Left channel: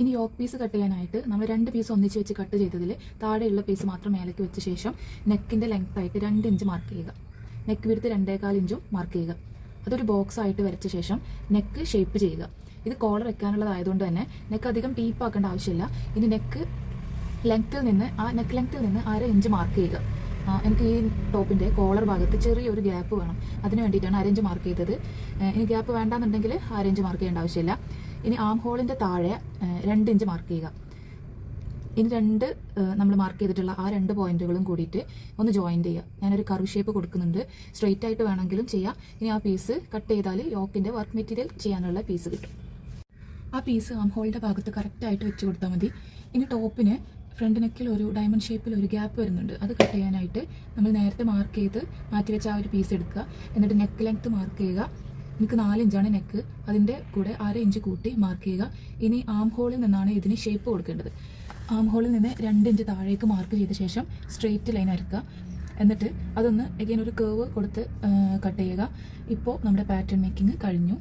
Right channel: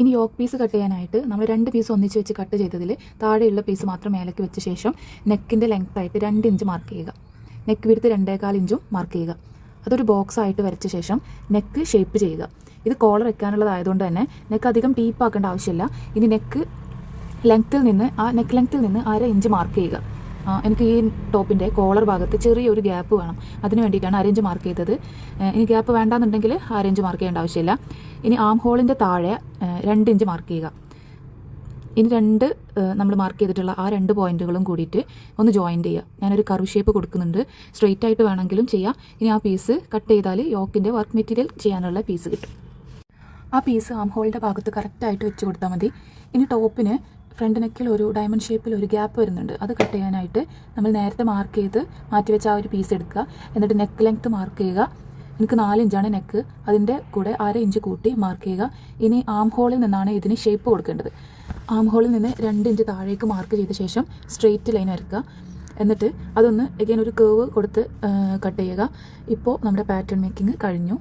ഇനി yoke piece cut ചെയ്യാനായിട്ട് നമ്മൾ 2 പീസ് ഒന്നിച്ച് വെച്ച് കട്ട് ചെയ്തതിൽ താഴെയുള്ള പീസ് മാത്രം മേലേക്ക് വെച്ച ശേഷം നെക്കിൻ്റെ ലെങ്ത് ആയിട്ട് 2 ഇഞ്ച് മാർക്ക് ചെയ്യുക. നെക്ക് വിടുത്ത് 2.25 ഇഞ്ചും മാർക്ക് ചെയ്യുക. അതൊരു ബോക്സ് ആയിട്ട് വരച്ച ശേഷം നെക്ക് ഷേപ്പ് ചെയ്യുക. ഇത് കോളർ വെക്കാനുള്ളതായതുകൊണ്ട് തന്നെ നെക്ക് അധികം ഡീപ്പാക്കേണ്ട ആവശ്യമില്ല. ഇനി നെക്ക് ലെങ്ത്തിൽ നിന്ന് 1/2 ഇഞ്ച് മാർക്ക് ചെയ്യുക. എനിക്ക് ഈ ടോപ്പിൻ്റെ കോളർ ഭാഗത്ത് ചെറിയൊരു ഗ്യാപ്പ് വേണം. അതിന് വേണ്ടിയിട്ടാണ് 1/2 ഇഞ്ച് മാർക്ക് ചെയ്തത്. ഇനി ഗ്യാപ്പ് വേണ്ടാന്നുണ്ടെങ്കിൽ 1/2 ഇഞ്ച് മാർക്ക് ചെയ്യേണ്ട ആവശ്യമില്ല. ഇനി ആം ഹോളിൻ്റെ താഴെ 2 ഇഞ്ച് മാർക്ക് ചെയ്യുക. ഇനി നമ്മൾ മാർക്ക് ചെയ്തിട്ടുള്ള ആ 2 പോയിന്റുകളും കൂടിയിട്ട് ഒന്ന് ജോയിൻറ്റ് ചെയ്യുക. ഞാനൊരു കർവ് ഷേപ്പ് കൊടുക്കുന്നുണ്ട്. സ്ട്രെയിറ്റ് ആയിട്ട് വേണമെങ്കിലും ചെയ്യാം. ഇനി ആ പീസ് കട്ട് ചെയ്താൽ യോക്കിൻ്റെ വർക്ക് മെറ്റീരിയൽ ചെയ്യാനുള്ള പീസ് കിട്ടും. ആ പീസ് ആം ഹോളിൻ്റെ ഭാഗത്ത് കറക്റ്റായിട്ട് വെച്ച് കൊടുത്താൽ മതി. ഇനി ടോപ്പിന് ഫ്രണ്ട് നെക്കിൽ ഒരു ഡയമണ്ട് ഷേപ്പിൽ ഒരു ഗ്യാപ്പ് വരുന്നുണ്ട്. അത് കട്ട് ചെയ്യാനായിട്ട് നമ്മൾ നേരത്തെ മാർക്ക് ചെയ്ത് മാറ്റി വെച്ച ആ ഒരു പീസ് എടുക്കുക. എന്നിട്ട് നെക്ക് ലെങ്ത്ത് മാർക്ക് ചെയ്യുക. എനിക്ക് 4 ഇഞ്ചാണ് നെക്ക്. അതിൻ്റെ കൂടെ 1/2 ഇഞ്ച് കൂട്ടി മാർക്ക് ചെയ്യുക. ഇനി ആം ഹോളിൽ നിന്നാണ് ഇതിന് ഷേപ്പ് കൊടുക്കേണ്ടത്. ആം ഹോളിൽ നിന്ന് 2 ഇഞ്ച് താഴേക്ക് മാർക്ക് ചെയ്ത ശേഷം സ്ട്രെയിറ്റ് ലൈൻ വരയ്ക്കുക. എന്നിട്ട് അതൊന്ന് എഗെയിൻ ഒരു കേവ് കൊടുത്ത് കട്ട് ചെയ്യുക. ഇപ്പോൾ നമ്മുടെ പാറ്റേൺ മേക്കിംഗ് കഴിഞ്ഞു.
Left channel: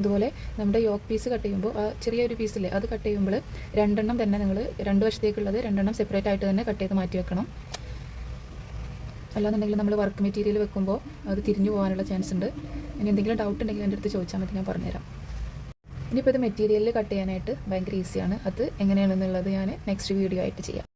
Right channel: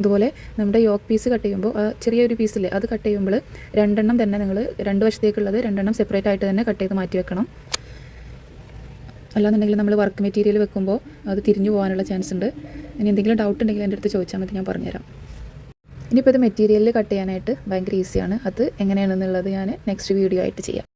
ഇതുപോലെ നമ്മുടെ യോക്ക് പീസ് കട്ട് ചെയ്യുമ്പോൾ ചെറിയൊരു പീസില്ലേ, അത് കട്ട് ചെയ്യുമ്പോൾ 2 എണ്ണം തന്നെ നിങ്ങൾ 2 വശത്തേക്കുള്ളത് 2 എണ്ണം സെപ്പറേറ്റ് ആയിട്ട് തന്നെ കട്ട് ചെയ്ത് മാറ്റി വെക്കണം. അല്ലാന്നുണ്ടെങ്കിൽ നമ്മൾ വർക്ക് മെറ്റീരിയൽ വെക്കുമ്പോൾ അത് തിരിഞ്ഞു പോകാനുള്ള ചാൻസ് ഉണ്ട്. ഇനി എന്തെങ്കിലും ഡൗട്ട് ഉണ്ടെങ്കിൽ എൻ്റെ അടുത്ത് ചോദിച്ചാൽ മതി, ഞാൻ പറഞ്ഞുതരാം. ഇനിയിപ്പോൾ ഇത് മെറ്റീരിയലിൽ കട്ട് ചെയ്യാനായിട്ട് ഭയങ്കര ഈസിയാണ്. അത് എങ്ങനെയാണെന്നുള്ളത് ഞാൻ നെക്സ്റ്റ് വീഡിയോ ആയിട്ട് ചെയ്യാം.